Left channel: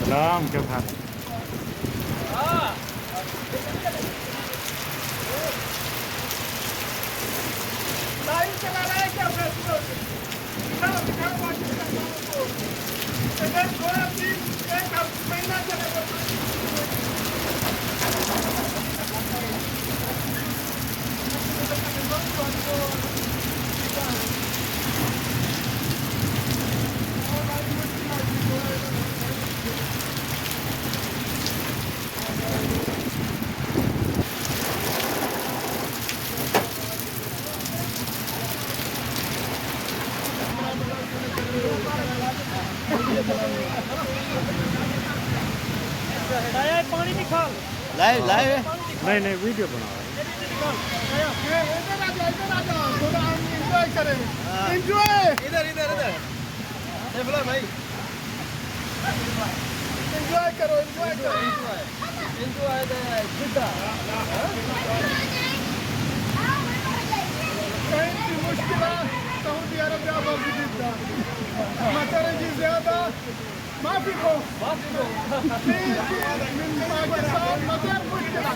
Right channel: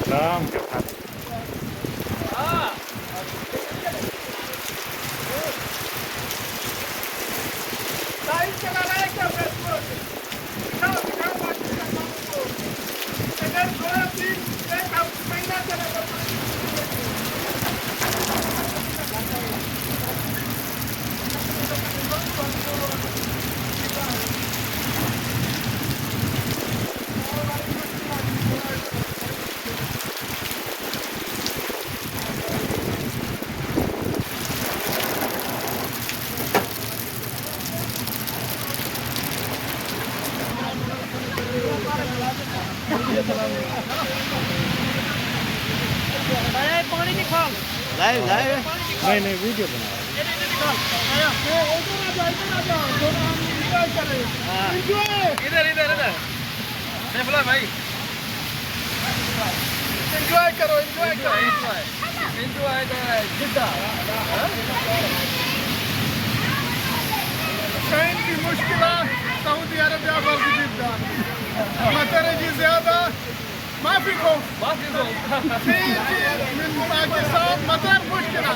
सलाम क्या बात लाइव लाइव नहीं वीडियो बना इधर इधर इधर सैफुल्लाह भाई एंजॉय करो एंजॉय करो एंजॉय जिद्दा कहीं की मुश्किल सऊदी अरबिया बल्कि जिद्दा मतर जी ज्यादा माफी को من पाकिस्तान मतर मुश्किल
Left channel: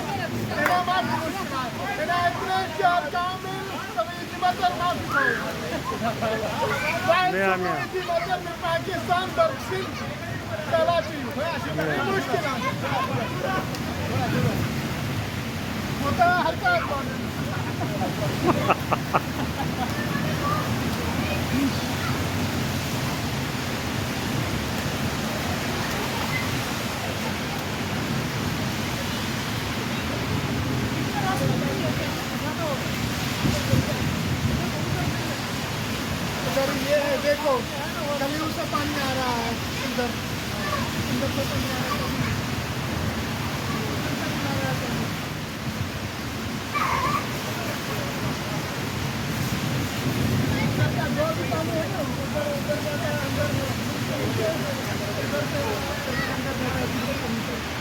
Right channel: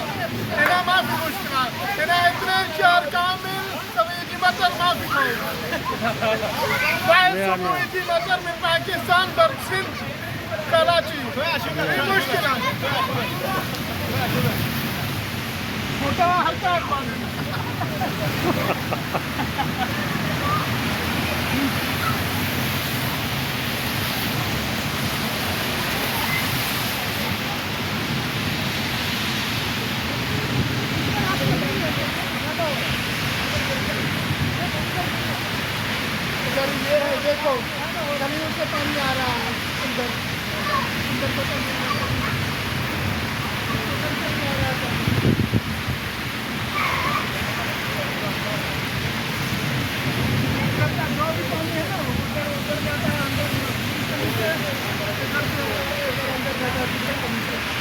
هنا ما في مشكلة هنا 2 شهر كامل سويدي مطر ما في خوف بعد سويدي مطر من باكستان برسل كراتي في مشكلة ये है देखो कहीं से पानी आ रहा है इधर इधर को पानी आ रहा है जो भी पानी है ना उधर उधर जाता है अंदर इधर से अंदर जाता है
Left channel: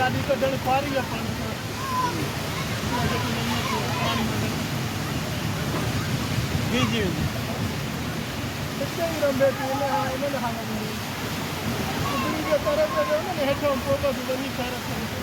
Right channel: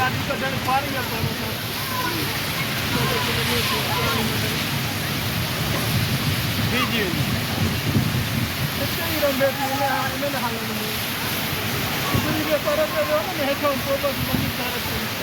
गाड़ी का डर पा रही है जी जी बच्चे ही रंगे थे इन्होंने हालत में ये परम कर रहे हो ना मैं तो उनको तो बनी चाहते हैं